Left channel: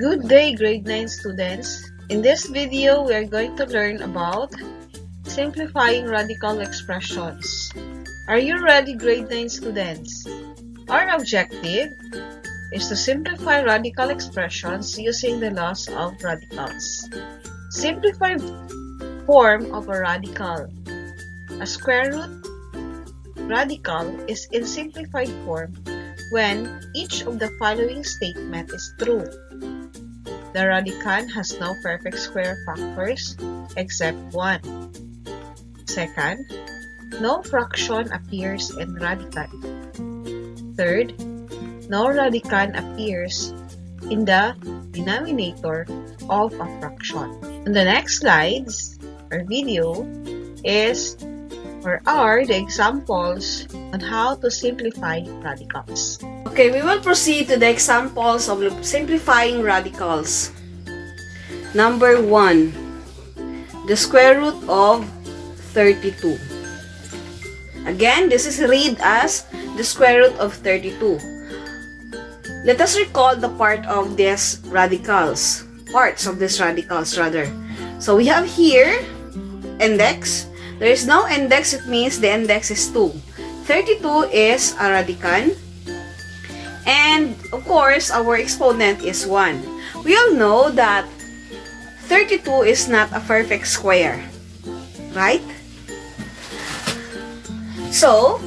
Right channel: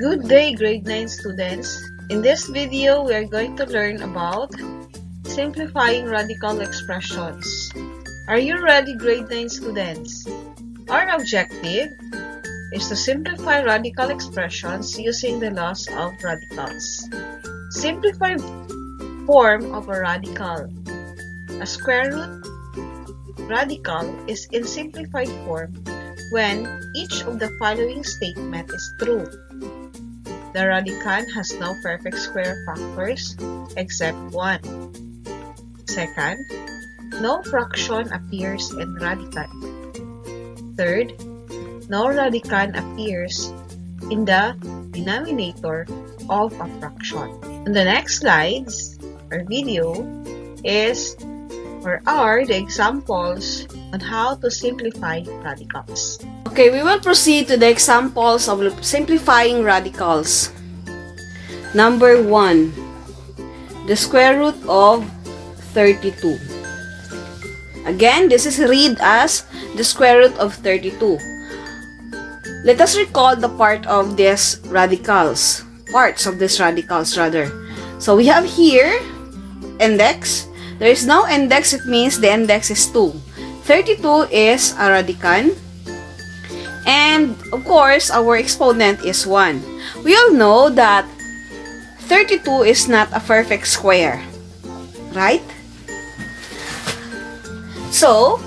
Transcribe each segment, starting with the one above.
Good day, grade 9 students. In this video, we are going to learn about simplifying radical expressions. Are you ready, grade 9 students? Our objective is to simplify radical expressions using the laws of radicals. Simplified form of a radical. A square root radical is in simplified form when each of the following statement is true. The radicand has no perfect square factors except 1. Second, no fraction appears in radicand. Third, no radicand appears in the denominator of a fraction. On the next slides or video are the examples on how to simplify radicals. Okay, we will proceed to the examples of simplifying radicals. Number 1, the square root of 32. Again, this is read as the square root of 32. Let us recall the parts of these radicals. So we have here index. There is no index, it means the index is 2. 32 is a radicand. And, of course, our exponent is 1. We all know that 32 is not a perfect square. Right? So,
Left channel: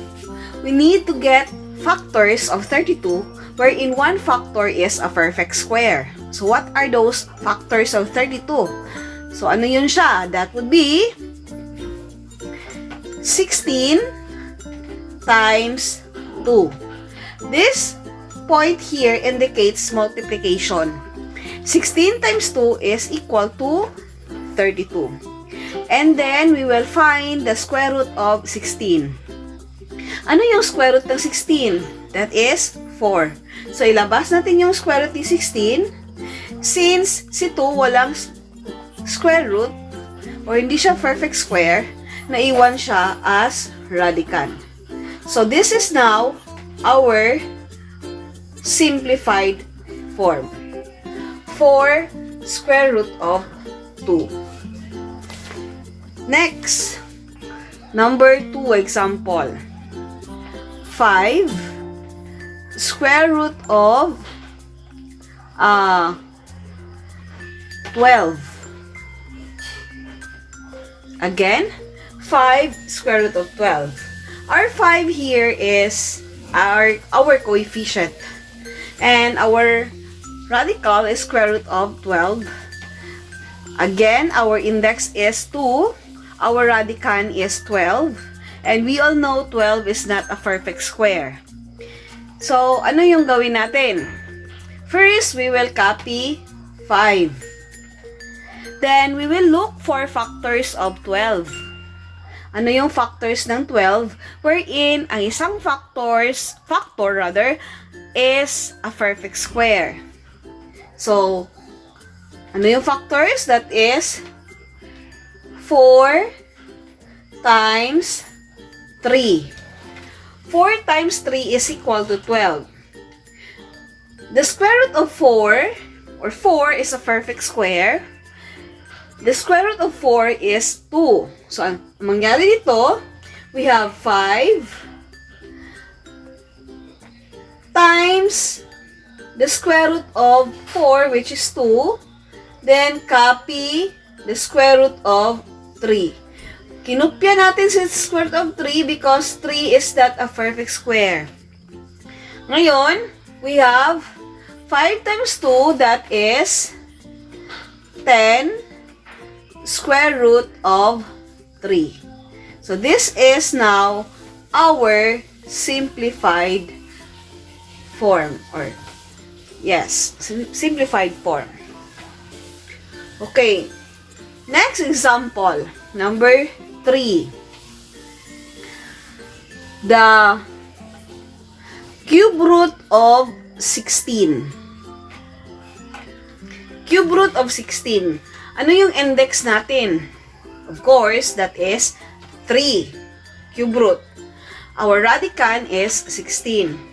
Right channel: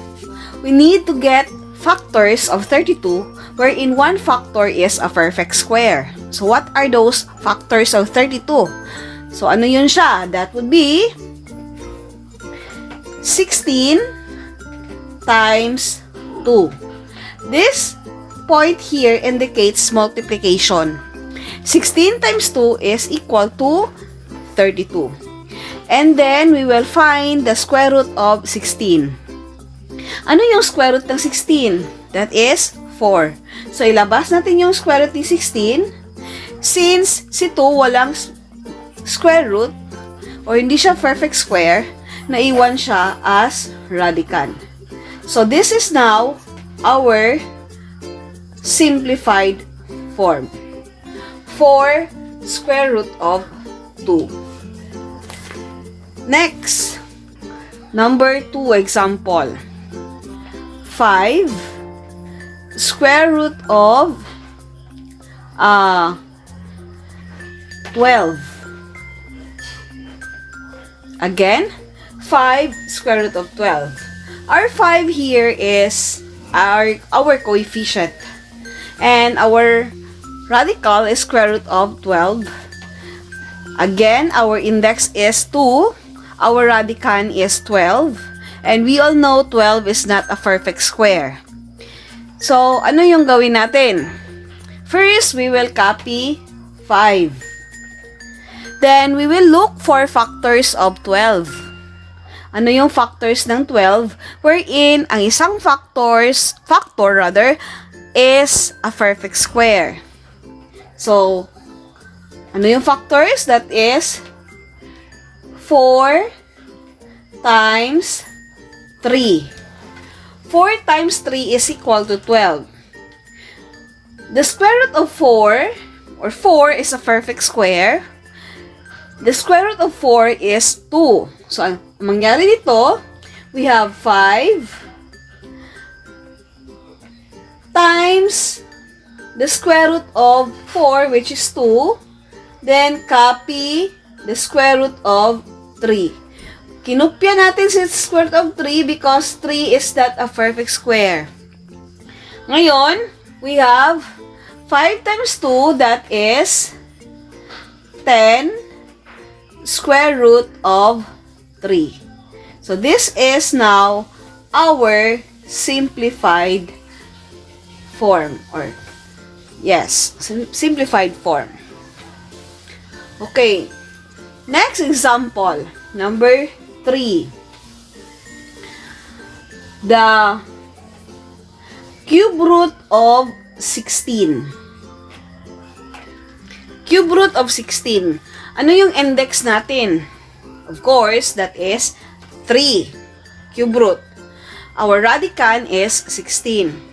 we need to get factors of 32 wherein one factor is a perfect square. So, what are those factors of 32? So, ano yun siya? That would be 16 times 2. This point here indicates multiplication. 16 times 2 is equal to 32. And then, we will find the square root of 16. Ano yung square root ng 16? That is 4. So, ilabas natin yung square root ng 16. Since si 2 walang square root, o hindi siya perfect square, naiwan siya as radicand. So, this is now our simplified form. 4 square root of 2. Next, number 2 example. 5 square root of 12. Again, 5 square root of 12. Our 5 here is our coefficient. And our radical is square root of 12. Again, our index is 2. Our radicand is 12. And we all know 12 is not a perfect square. So, ano yung gawin natin? First, we will copy 5. Then, we will look for factors of 12. Ano yung factors ng 12? Wherein, ang isang factor is a perfect square. So, ano yung factors? That is 4 times 3. 4 times 3 is equal to 12. The square root of 4, or 4 is a perfect square. The square root of 4 is 2. So, ang mangyari dito, we have 5 times the square root of 4, which is 2. Then, copy the square root of 3. Kinopya natin si square root of 3 because 3 is not a perfect square. Ngayon, we have 5 times 2, that is 10 square root of 3. So, this is now our simplified form. Simplified form. Okay. Next example. Number 3. The cube root of 16. Cube root of 16. Ano yung index natin? Of course, that is 3. Cube root. Our radicand is 16.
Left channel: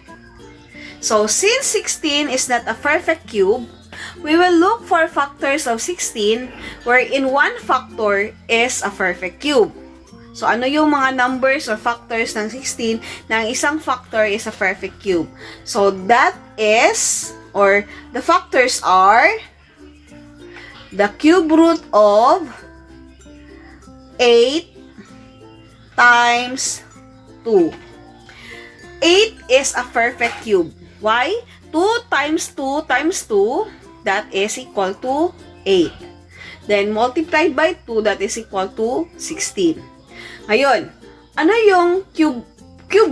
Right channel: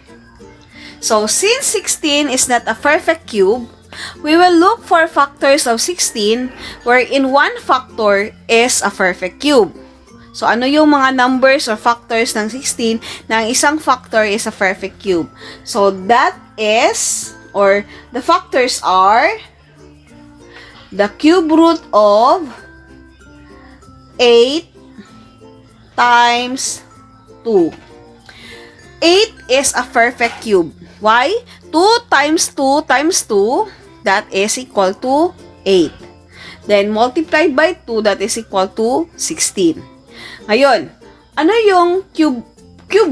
So, since 16 is not a perfect cube, we will look for factors of 16 wherein one factor is a perfect cube. So, ano yung mga numbers or factors ng 16 na ang isang factor is a perfect cube? So, that is, or the factors are, the cube root of 8 times 2. 8 is a perfect cube. Why? 2 times 2 times 2, that is equal to 8. Then, multiplied by 2, that is equal to 16. Ngayon, ano yung cube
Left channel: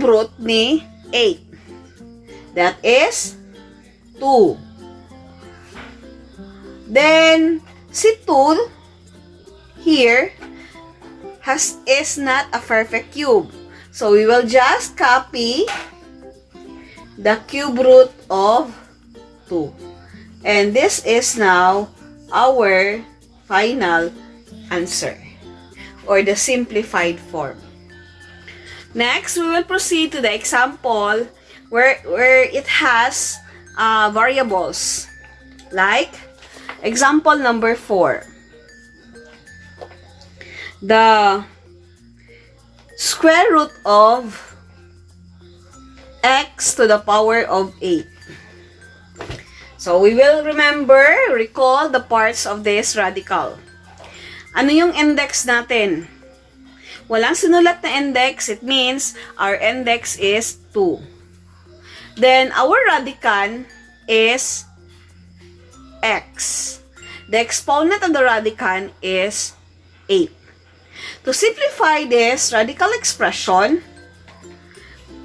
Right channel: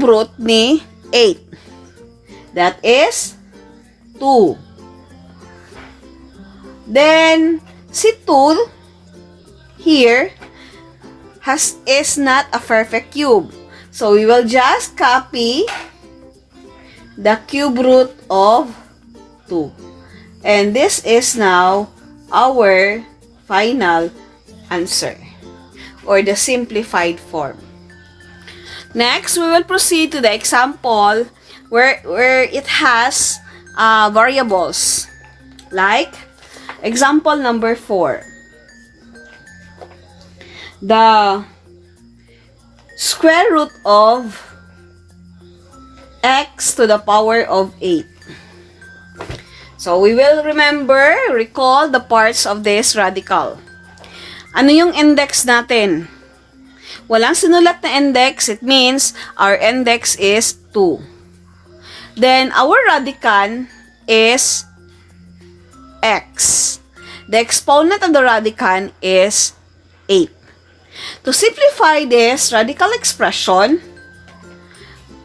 root ni 8? That is 2. Then, si 2 here is not a perfect cube. So, we will just copy the cube root of 2. And this is now our final answer, or the simplified form. Next, we will proceed to the example where it has variables. Like, example number 4. The square root of x to the power of 8. So, we will recall the parts of this radical. Ano yung index natin? Walang sinulat na index. It means our index is 2. Then, our radicand is x. The exponent of the radicand is 8. To simplify this radical expression,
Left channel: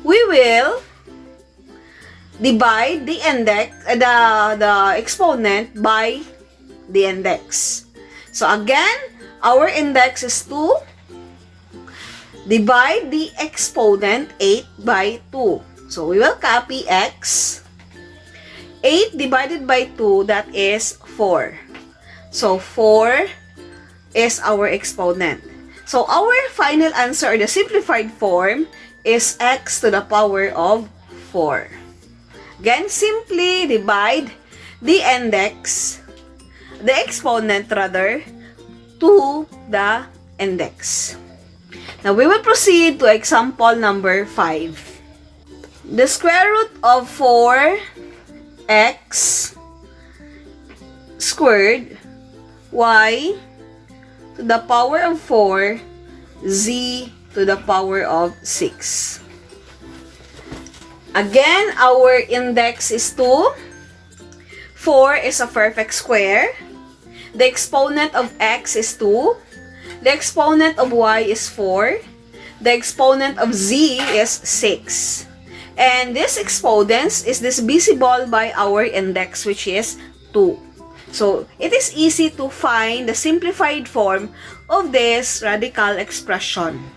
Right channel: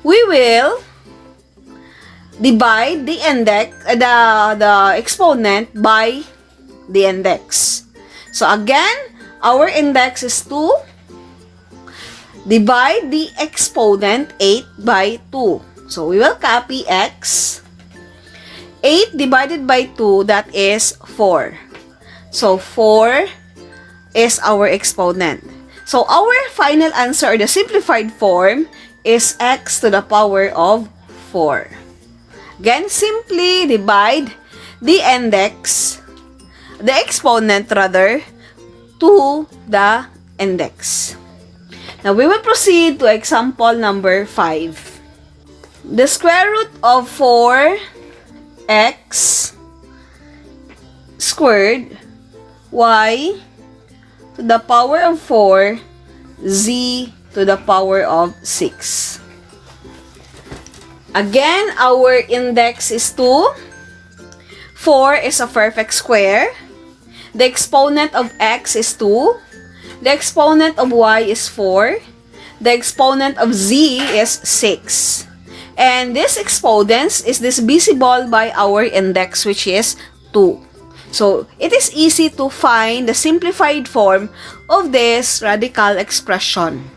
we will divide the index, the exponent by the index. So again, our index is 2. Divide the exponent 8 by 2. So we will copy x. 8 divided by 2, that is 4. So 4 is our exponent. So our final answer, or the simplified form, is x to the power of 4. Again, simply divide the exponent rather, to the index. Now, we will proceed to example number 5. The square root of 4x squared y to the power of 4 z to the power of 6. Again, our index is 2. 4 is a perfect square. The exponent of x is 2. The exponent of y is 4. The exponent of z is 6. And this exponent is divisible by our index, which is 2. So, it is easy to find the simplified form of this radical expression.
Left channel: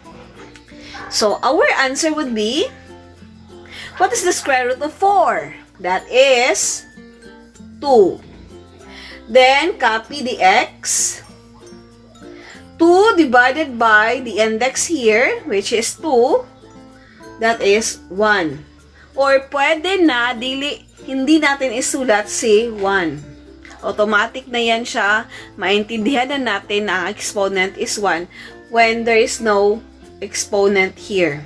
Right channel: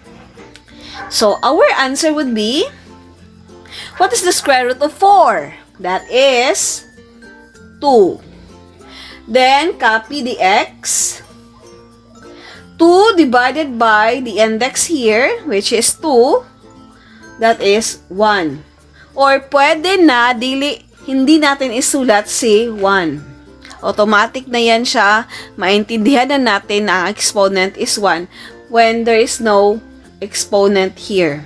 So, our answer would be, what is the square root of 4? That is 2. Then, copy the x. 2 divided by the index here, which is 2. That is 1. Or pwede na, hindi natin isulat si 1. Automatic na yan siya. Maintindihan na natin na ang exponent is 1 when there is no exponent here.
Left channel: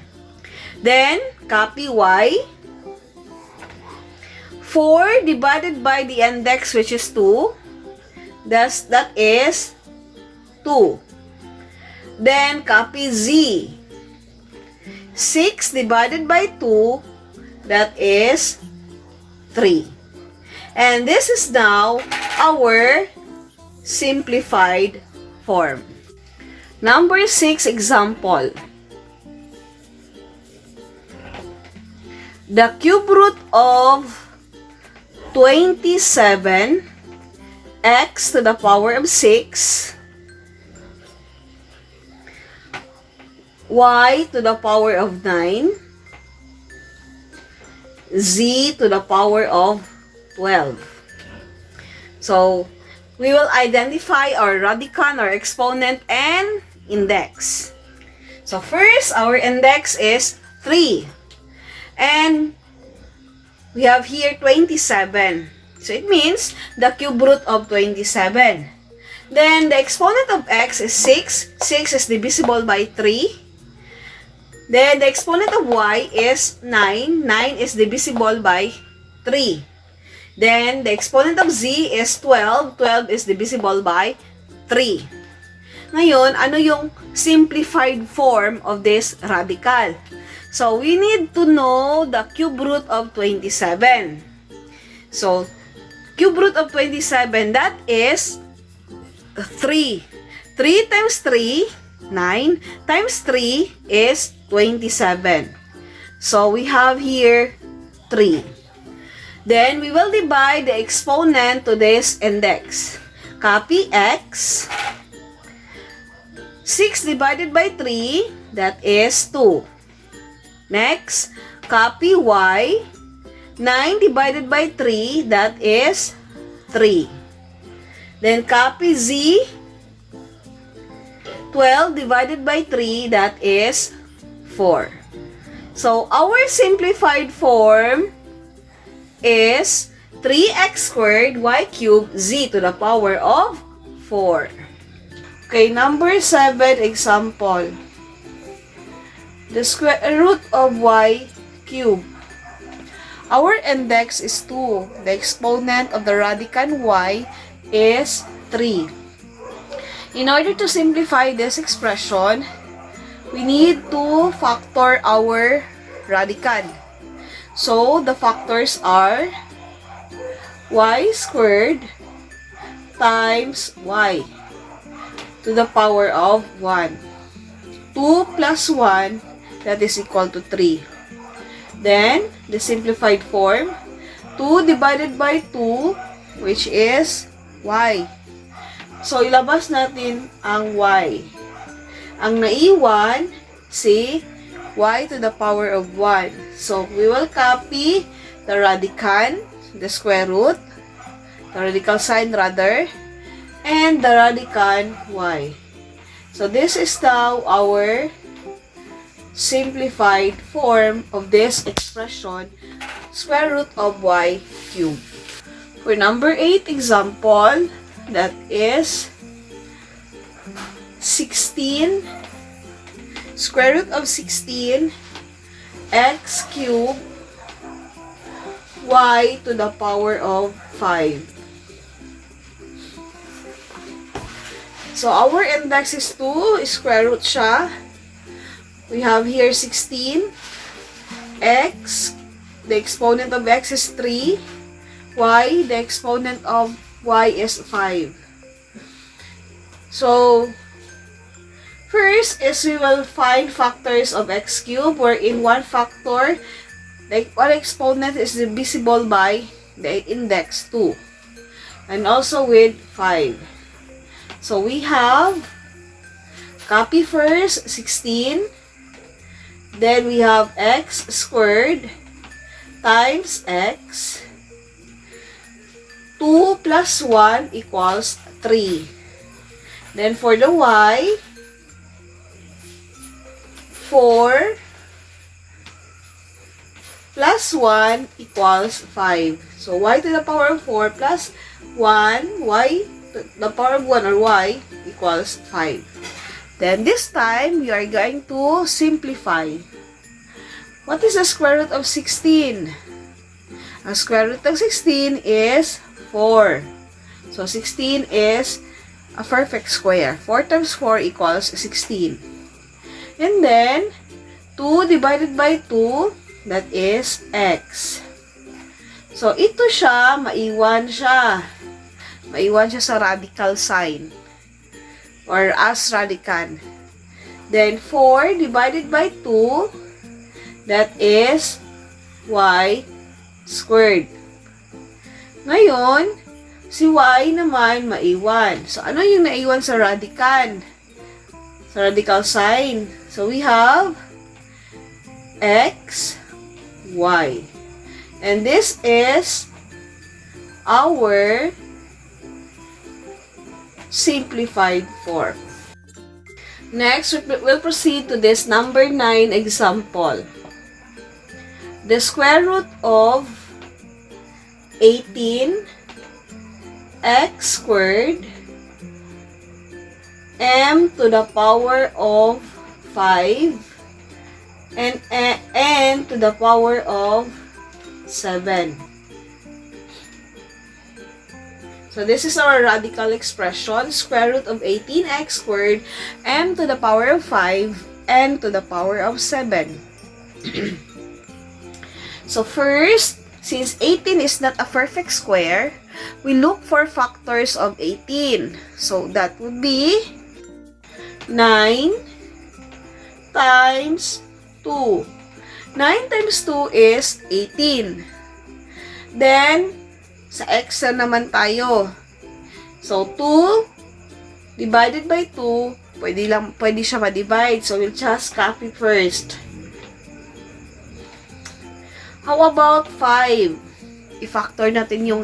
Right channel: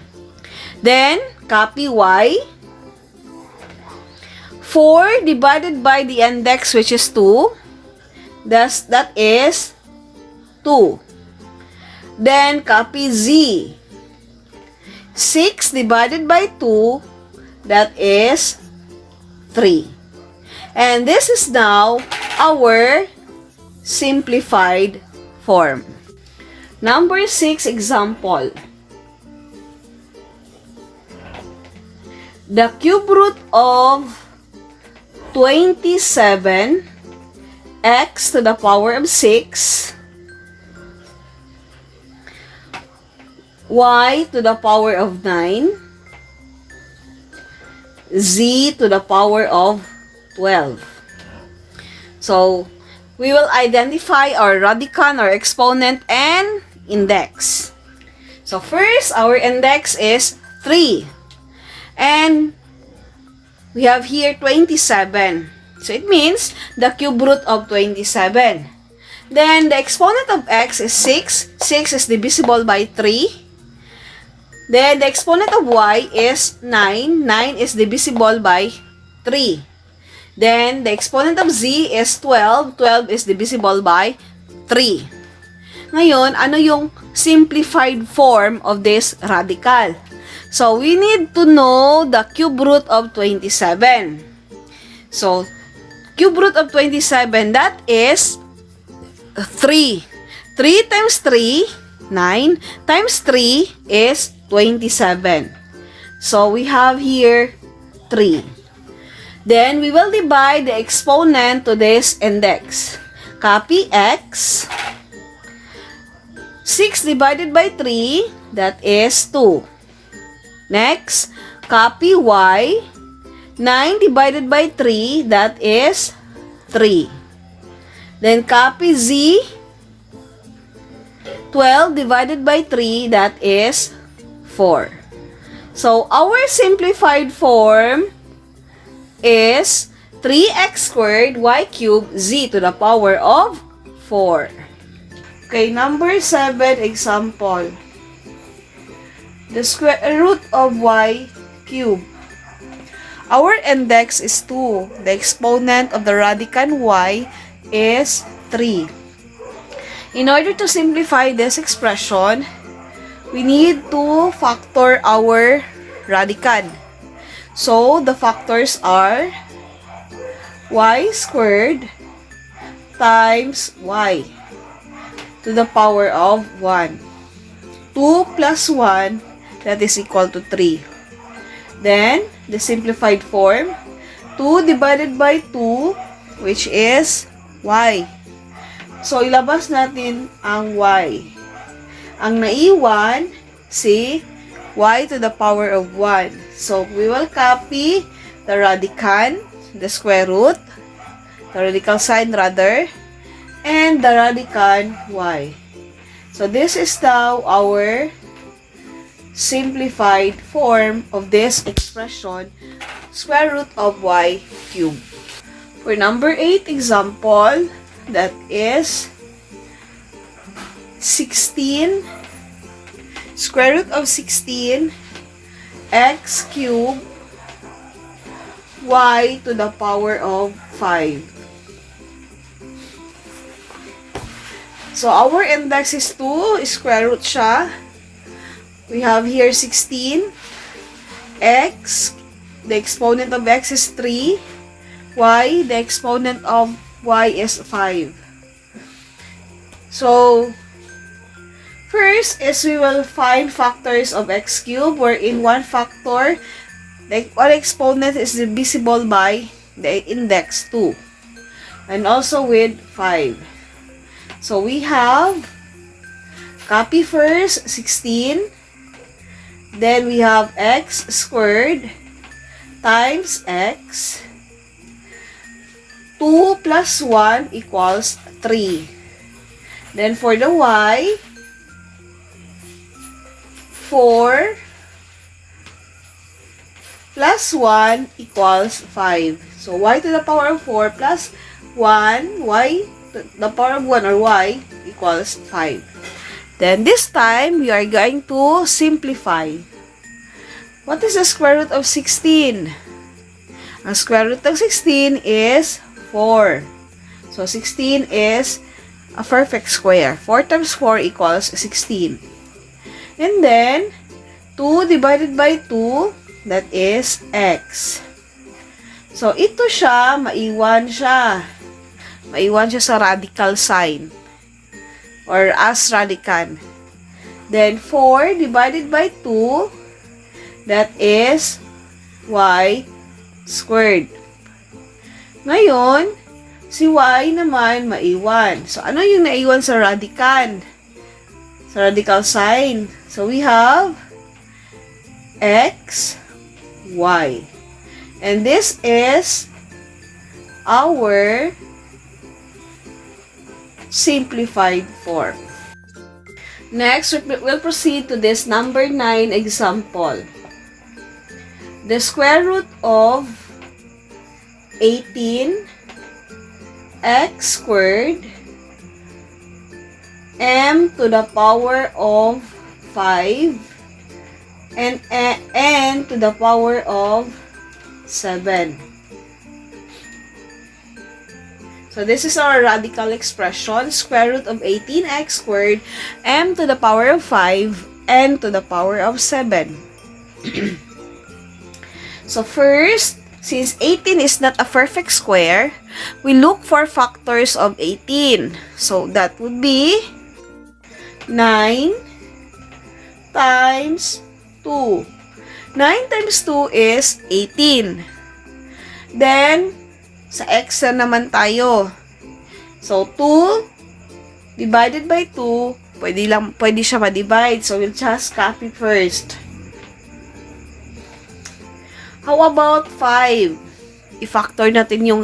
Then, copy y. 4 divided by the index, which is 2. That is 2. Then, copy z. 6 divided by 2, that is 3. And this is now our simplified form. Number 6 example. The cube root of 27 x to the power of 6 y to the power of 9 z to the power of 12. So, we will identify our radicand, our exponent, and index. So, first, our index is 3. And we have here 27. So it means the cube root of 27. Then the exponent of x is 6. 6 is divisible by 3. Then the exponent of y is 9. 9 is divisible by 3. Then the exponent of z is 12. 12 is divisible by 3. Ngayon, ano yung simplified form of this radical? So, we need to know the cube root of 27. So, cube root of 27, that is 3. 3 times 3, 9, times 3 is 27. So, we have here 3. Then, we will divide the exponent to this index. Copy x. 6 divided by 3, that is 2. Next, copy y. 9 divided by 3, that is 3. Then, copy z. 12 divided by 3, that is 4. So, our simplified form is 3x squared y cubed z to the power of 4. Okay, number 7 example. The square root of y cubed. Our index is 2. The exponent of the radicand y is 3. In order to simplify this expression, we need to factor our radicand. So, the factors are y squared times y to the power of 1. 2 plus 1, that is equal to 3. Then, the simplified form, 2 divided by 2, which is y. So, ilabas natin ang y. Ang naiwan, si y to the power of 1. So, we will copy the radicand, the square root, the radical sign rather, and the radicand y. So, this is now our simplified form of this expression, square root of y cubed. For number 8 example, that is 16 square root of 16 x cubed y to the power of 5. So, our index is 2, square root siya. We have here 16, x, the exponent of x is 3, y, the exponent of y is 5. So, first is we will find factors of x cubed, wherein one factor, the one exponent is divisible by the index 2. And also with 5. So, we have, copy first, 16. Then, we have x squared times x. 2 plus 1 equals 3. Then, for the y, 4 plus 1 equals 5. So, y to the power of 4 plus 1, y to the power of 1 or y equals 5. Then, this time, we are going to simplify. What is the square root of 16? Ang square root of 16 is 4. So, 16 is a perfect square. 4 times 4 equals 16. And then, 2 divided by 2, that is x. So, ito siya, maiwan siya. Maiwan siya sa radical sign or as radicand. Then, 4 divided by 2, that is y squared. Ngayon, si y naman maiwan. So, ano yung naiwan sa radicand? Sa radical sign. So, we have x, y. And this is our simplified form. Next, we'll proceed to this number 9 example. The square root of 18x squared m to the power of 5 and n to the power of 7. So this is our radical expression, square root of 18x squared, m to the power of 5, n to the power of 7. So first, since 18 is not a perfect square, we look for factors of 18. So that would be 9 times 2. 9 times 2 is 18. Then, sa x na naman tayo. So, 2 divided by 2, pwede siya ma-divide. So, we'll just copy first. How about 5? I-factor natin yung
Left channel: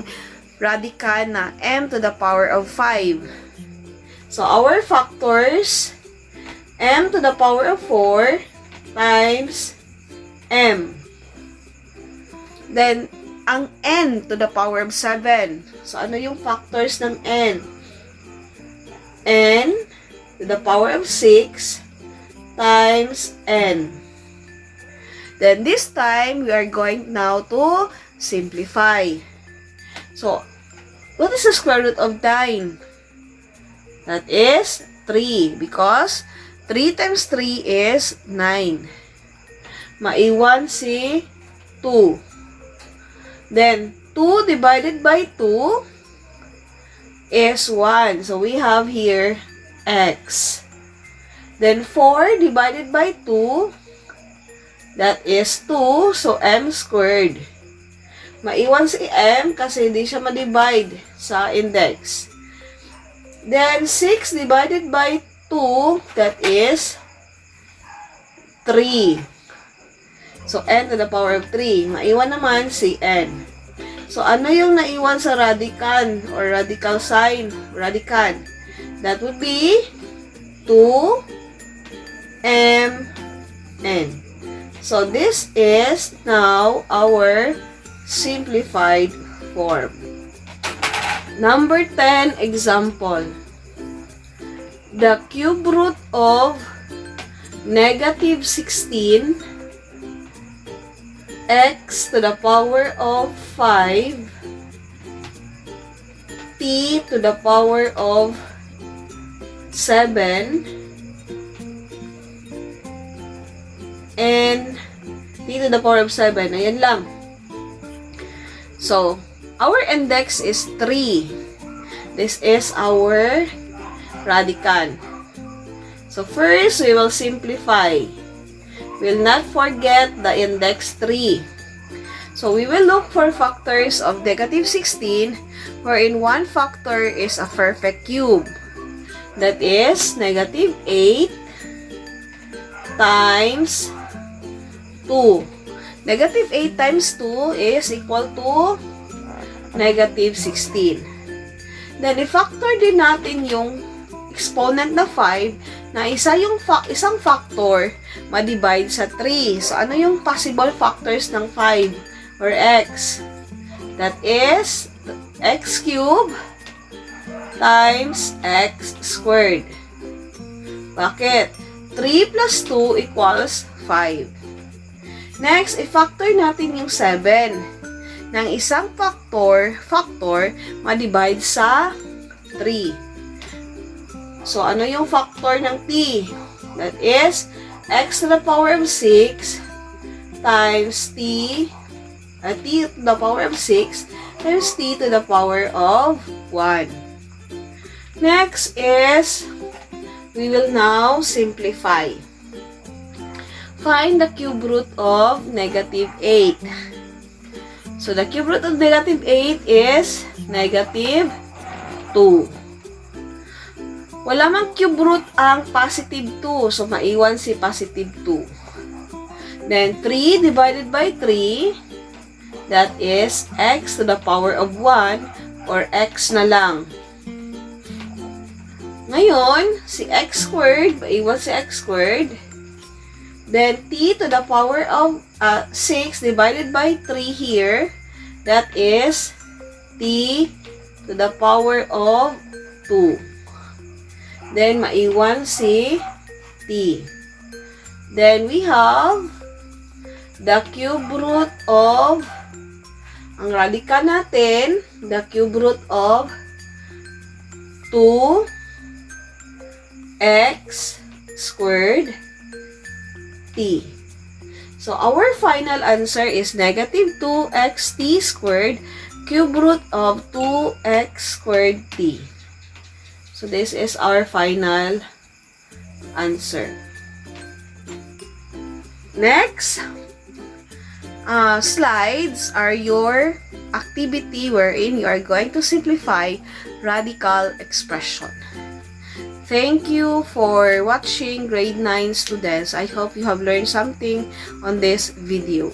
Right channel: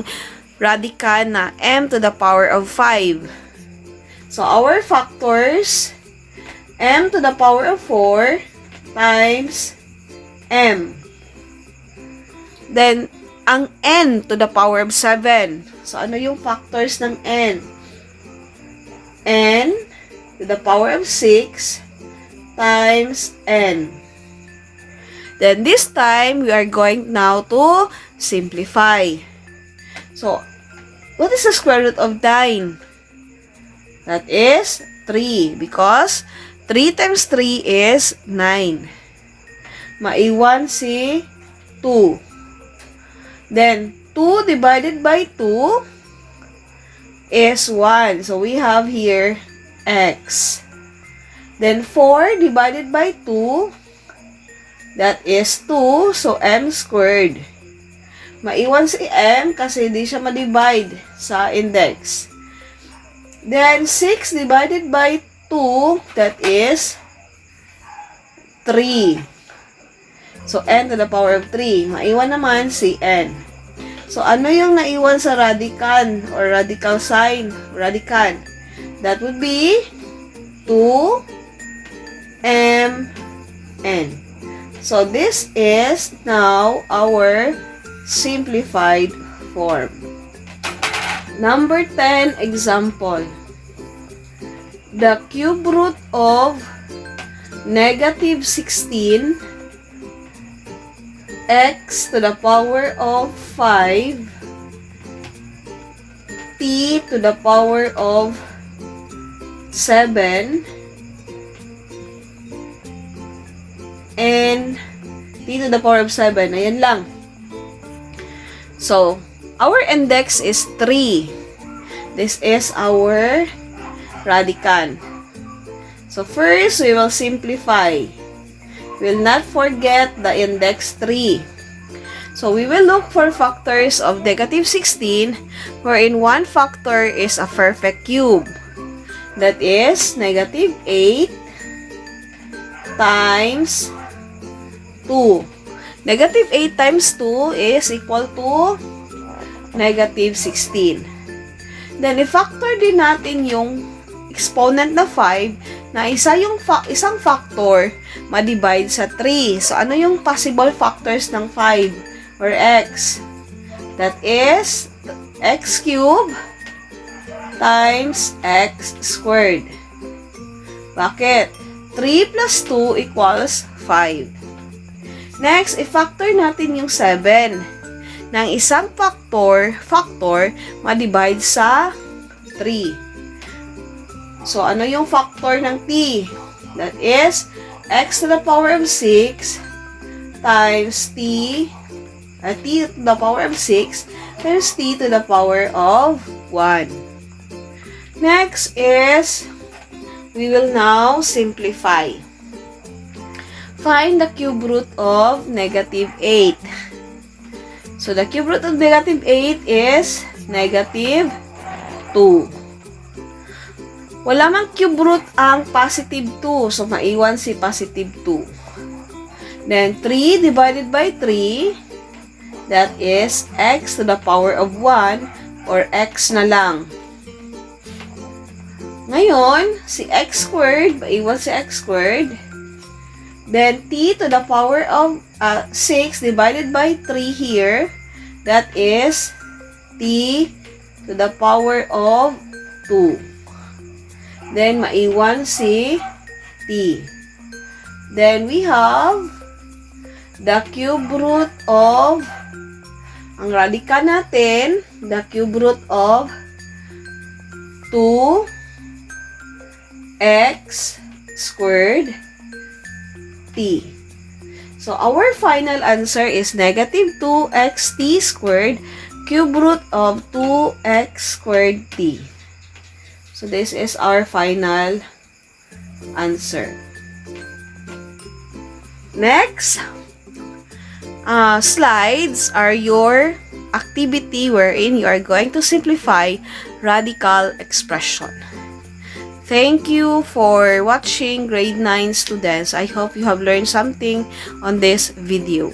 radical na m to the power of 5. So, our factors, m to the power of 4 times m. Then, ang n to the power of 7. So, ano yung factors ng n? N to the power of 6 times n. Then, this time, we are going now to simplify. So, what is the square root of 9? That is 3 because 3 times 3 is 9. Maiwan si 2. Then, 2 divided by 2 is 1. So, we have here x. Then, 4 divided by 2, that is 2. So, m squared. Maiwan si m kasi hindi siya ma-divide sa index. Then, 6 divided by 2, that is 3. So, n to the power of 3. Maiwan naman si n. So, ano yung naiwan sa radical or radical sign? Radical. That would be 2mn. So, this is now our simplified form. Number 10 example. The cube root of negative 16 x to the power of 5 t to the power of 7 and t to the power of 7. Ayan lang. So, our index is 3. This is our radical. So, first, we will simplify. Will not forget the index 3. So, we will look for factors of negative 16 wherein one factor is a perfect cube. That is negative 8 times 2. Negative 8 times 2 is equal to negative 16. Then, i-factor din natin yung exponent na 5 na isang factor ma-divide sa 3. So, ano yung possible factors ng 5 or x? That is x cubed times x squared. Bakit? 3 plus 2 equals 5. Next, i-factor natin yung 7 ng isang factor ma-divide sa 3. So, ano yung factor ng t? That is x to the power of 6 times t to the power of 6 times t to the power of 1. Next is, we will now simplify. Find the cube root of negative 8. So, the cube root of negative 8 is negative 2. Wala mang cube root ang positive 2. So, maiwan si positive 2. Then, 3 divided by 3, that is x to the power of 1 or x na lang. Ngayon, si x squared, maiwan si x squared. Then, t to the power of 6 divided by 3 here, that is t to the power of 2. Then, maiwan si t. Then, we have the cube root of, ang radical natin, the cube root of 2x squared t. So, our final answer is negative 2xt squared cube root of 2x squared t. So, this is our final answer. Next, slides are your activity wherein you are going to simplify radical expression. Thank you for watching grade 9 students. I hope you have learned something on this video.